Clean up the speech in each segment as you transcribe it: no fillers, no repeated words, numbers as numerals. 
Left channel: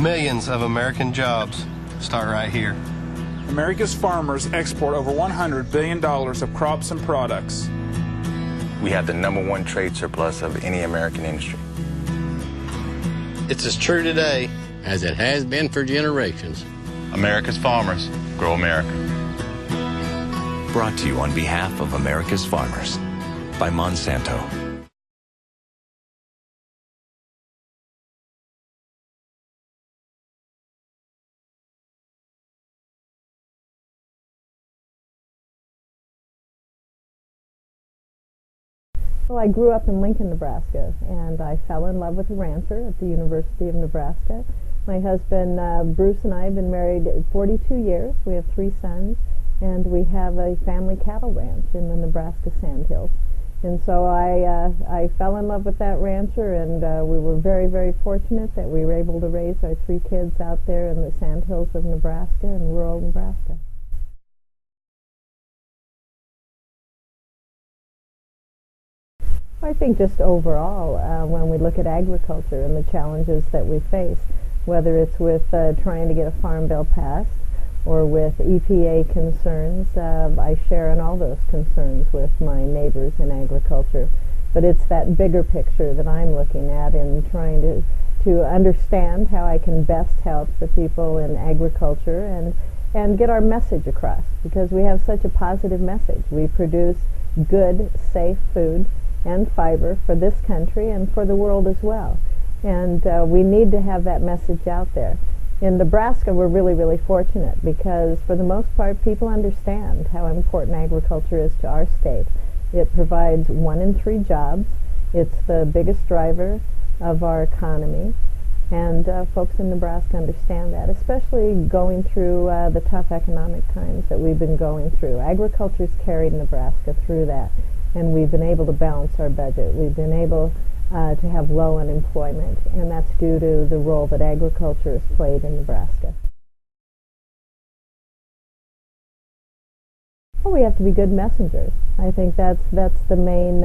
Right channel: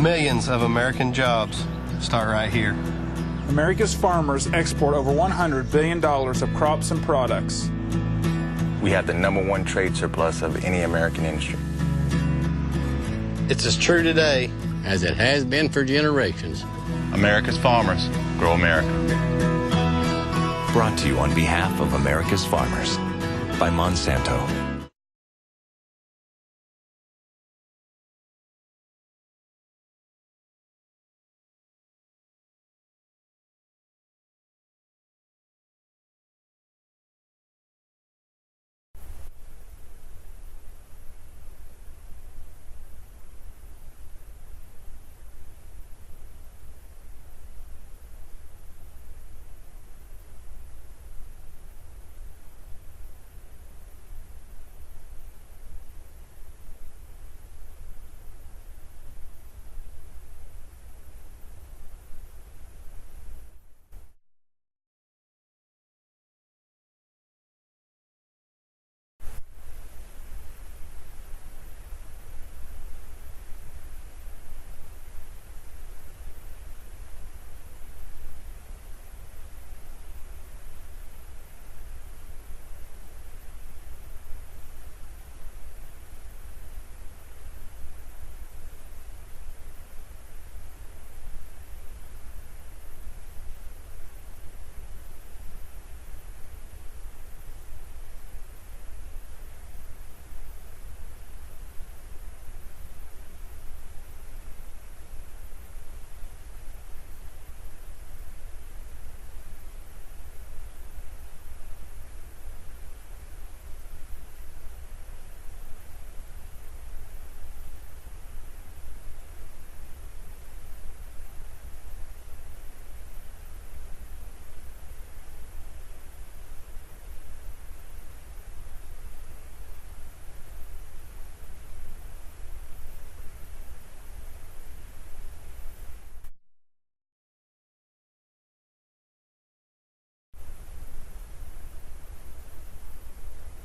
Millions of American jobs start right here. America's farmers export over $100 billion of crops and products. We have the #1 trade surplus of any American industry. It's as true today as it has been for generations. America's farmers grow America. Brought to you on behalf of America's farmers by Monsanto. Well, I grew up in Lincoln, Nebraska, and I fell in love with a rancher at the University of Nebraska. My husband, Bruce, and I have been married 42 years. We have 3 sons, and we have a family cattle ranch in the Nebraska Sandhills. And so I fell in love with that rancher, and we were very, very fortunate that we were able to raise our 3 kids out there in the Sandhills of Nebraska and rural Nebraska. I think just overall, when we look at agriculture and the challenges that we face, whether it's with trying to get a farm bill passed or with EPA concerns, I share in all those concerns with my neighbors in agriculture. But it's that bigger picture that I'm looking at in trying to understand how I can best help the people in agriculture and get our message across, because we have such a positive message. We produce good, safe food and fiber for this country and for the world as well. And we need to have that message out there. In Nebraska, we're really, really fortunate because for the most part, people understand how important agriculture is to our state. It provides 1 in 3 jobs. It's the biggest driver of our economy. And folks in Nebraska understand that, especially going through the tough economic times that we've been going through. Agriculture's carried Nebraska through that. And we've been able to balance our budget. We've been able to have low unemployment, and that's due to the role that agriculture has played in Nebraska. Well, we have to be good messengers. I think that's the main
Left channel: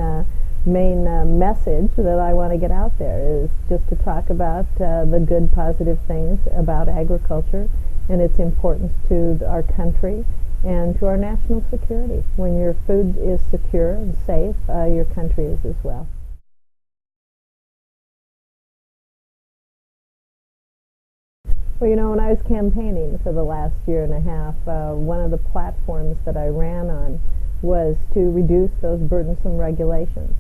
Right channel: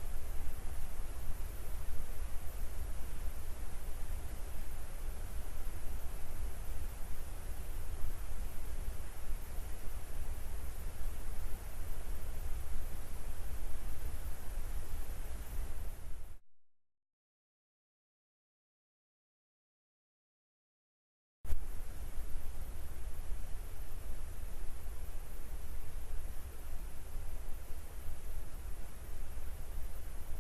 message that I want to get out there, is just to talk about the good, positive things about agriculture and its importance to our country and to our national security. When your food is secure and safe, your country is as well. Well, you know, when I was campaigning for the last year and a half, one of the platforms that I ran on was to reduce those burdensome regulations.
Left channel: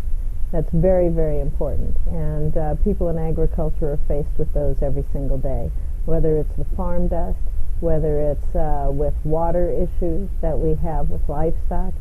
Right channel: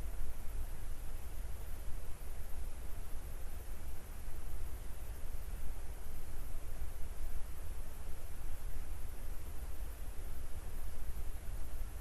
That's very, very important. And people in agriculture are faced with those every single day, whether it's the farm dust, whether it's with water issues that we have with livestock,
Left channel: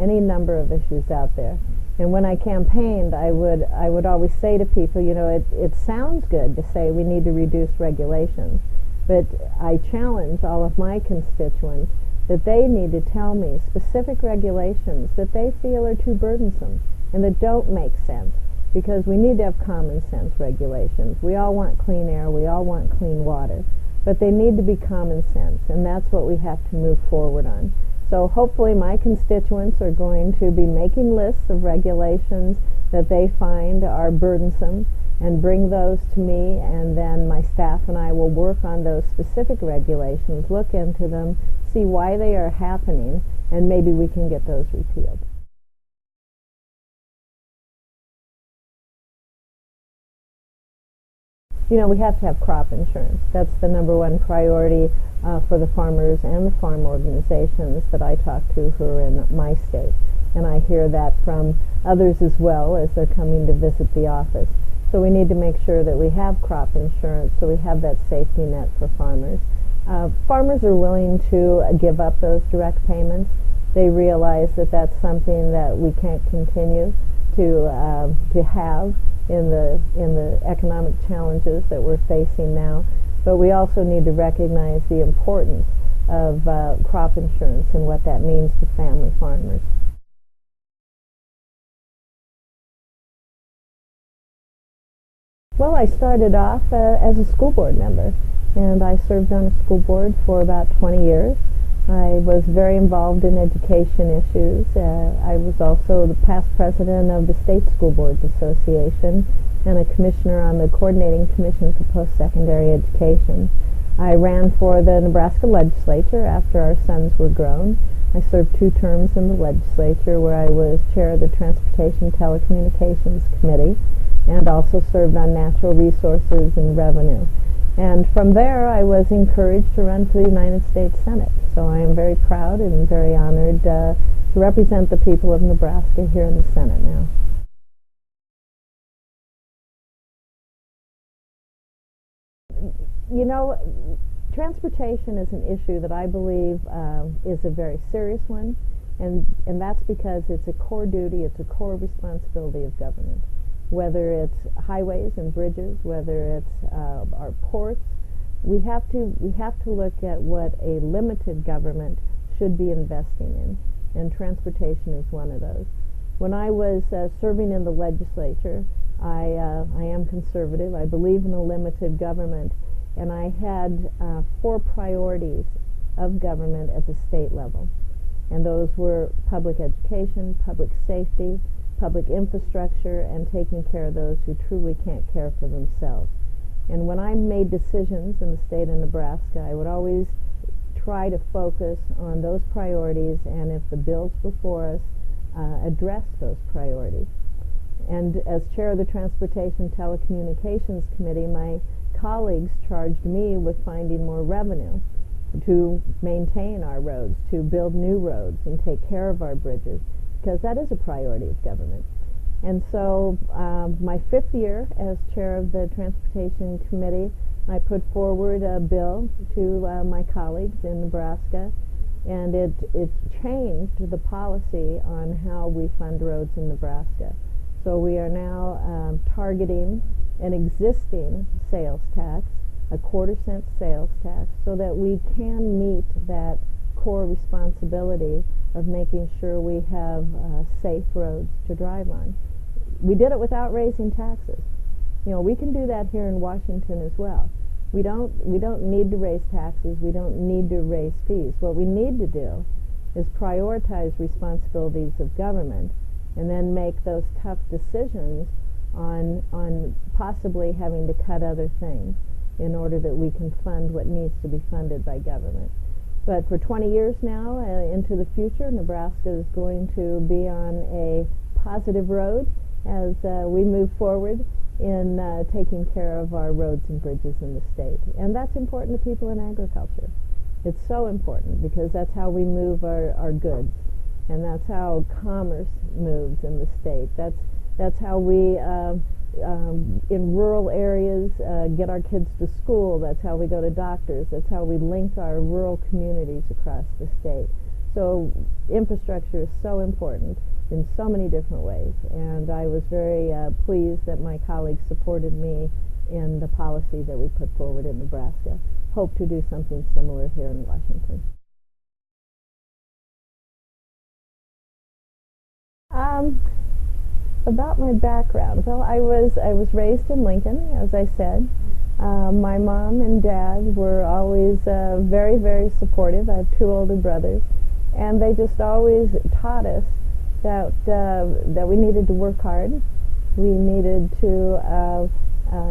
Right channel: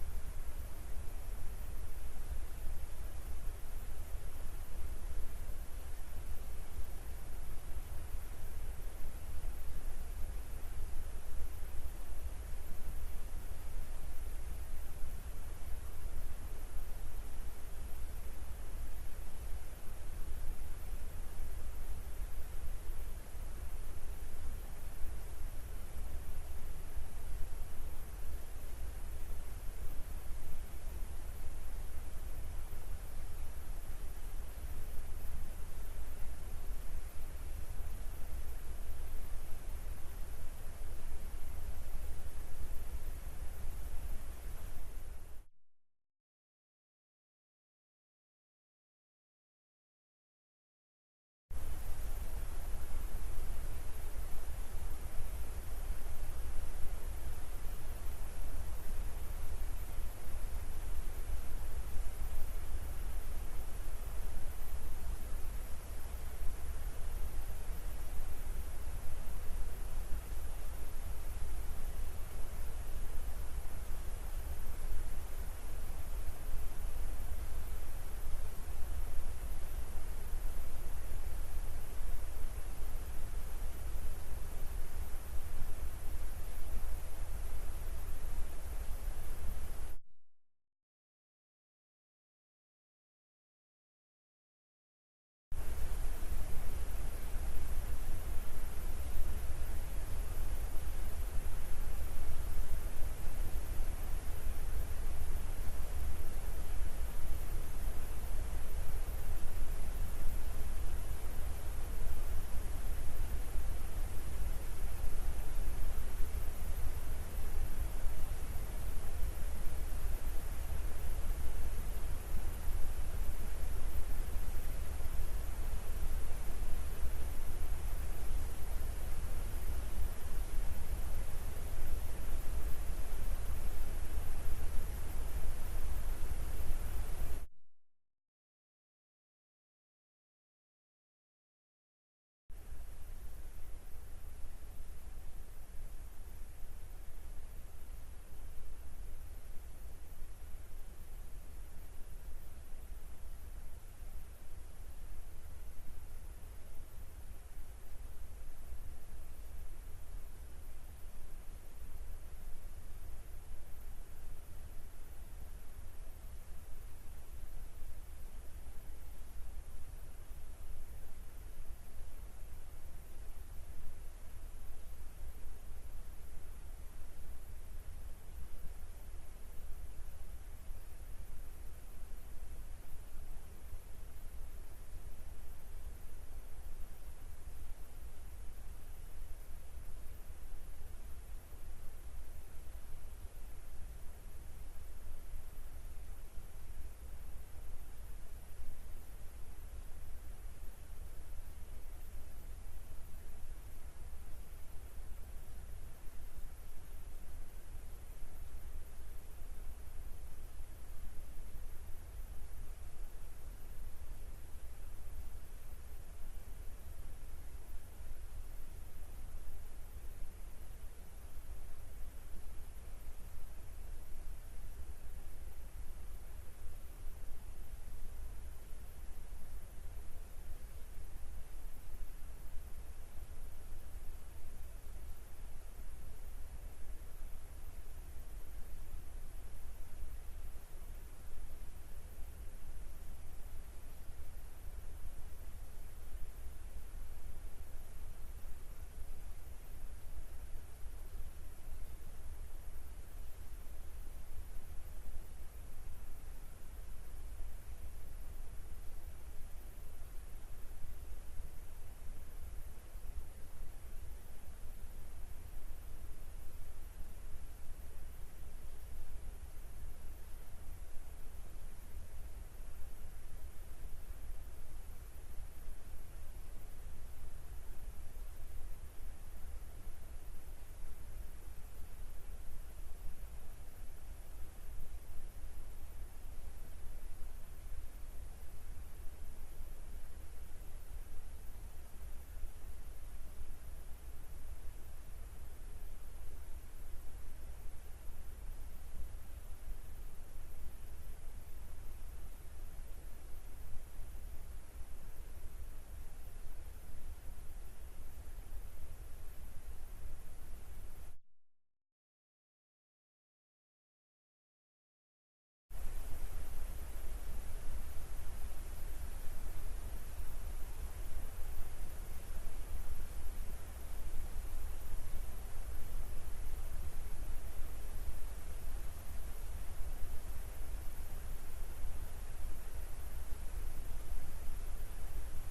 any number of issues out there. And when I campaigned, I would always say to people, you know, it sounds good to say we need to reduce regulations, but I challenge all of my constituents that they need to tell me specific regulations that they feel are too burdensome and that don't make sense, because we need to have common sense regulations. We all want clean air, we all want clean water, but they need to be common sense, and that's what we have to move forward on. So hopefully my constituents are going to be making lists of regulations that they find are burdensome and bring those to me, and then my staff and I will work on those specific regulations, look into them, see why they are happening, and maybe we can get those repealed. You know, we have to have crop insurance. That's the #1 priority for the farmers and the farm organizations that I talk to who are in my state. And I hear that from others as well as they're coming to visit the office. So we need to make sure that we have crop insurance so we have that safety net for farmers. Farmers are willing to give up those direct payments. They realize that that's something that we can't continue to have in the economic challenges that we're facing now. But we also need to recognize the importance of crop insurance and what that means to family farmers. Well, I started off as a school board member, and I served on a school board for about 20 years. I was very involved in education issues. I was also the past president of the State School Boards Association, and a commissioner on the Coordinating Commission for Post-Secondary Education. I ran for the Nebraska legislature after our sons were grown. I served 2 terms in the legislature where I was chair of the Transportation Telecommunications Committee and also served on Natural Resources and Revenue. And from there I was encouraged to run for the United States Senate. So I am very proud and very honored to represent the people of Nebraska here in the Senate now. You know, transportation is an issue that I believe is a very serious one, and that's because it's a core duty, it's a core responsibility of government. Whether it's highways and bridges, whether it's our ports, we have to look at what a limited government should be investing in, and transportation is one of those. When I was serving in the legislature, I am conservative. I believe in a limited government. And I had 4 priorities of government at the state level. And those were public education, public safety, public infrastructure, and taking care of those who truly can't care for themselves. And when I made decisions in the state of Nebraska, I would always try to focus on those priorities, and if the bills before us address those priorities. And as chair of the Transportation Telecommunications Committee, my colleagues charged me with finding more revenue to maintain our roads, to build new roads and take care of our bridges, because that is a priority of government. And so my 5th year as chair of the Transportation Committee, I put forward a bill to my colleagues in Nebraska, and it changed the policy on how we fund roads in Nebraska. So we are now targeting an existing sales tax, a 1/4-cent sales tax, so that we can meet that core responsibility of making sure we have safe roads to drive on. We did it without raising taxes. You know, we can do that here in Washington as well. We don't need to raise taxes. We don't need to raise fees. What we need to do is prioritize responsibilities of government and then make those tough decisions on possibly having to cut other things in order that we can fund what needs to be funded by government. But for 20 years now, into the future, Nebraska is going to be on a positive road as we move forward in taking care of our roads and bridges in the state. And that's important to people in agriculture. It's so important because that's how we move our goods, and that's how commerce moves in the state. That's how we, in rural areas, get our kids to school. That's how we go to doctors. That's how we link our rural communities across the state. So infrastructure is so important in so many different ways, and I was very pleased that my colleagues supported me in the policy that we put forward in Nebraska. Hope to do something similar here in Washington. About my background, well, I was raised in Lincoln, as I said. My mom and dad were always very, very supportive. I have 2 older brothers, and they just always taught us that we needed to work hard. We needed to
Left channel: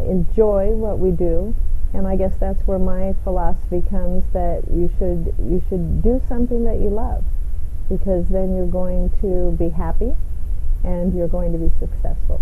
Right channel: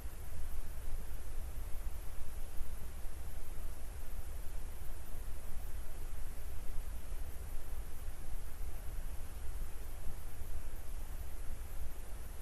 enjoy what we do, and I guess that's where my philosophy comes, that you should do something that you love, because then you're going to be happy and you're going to be successful.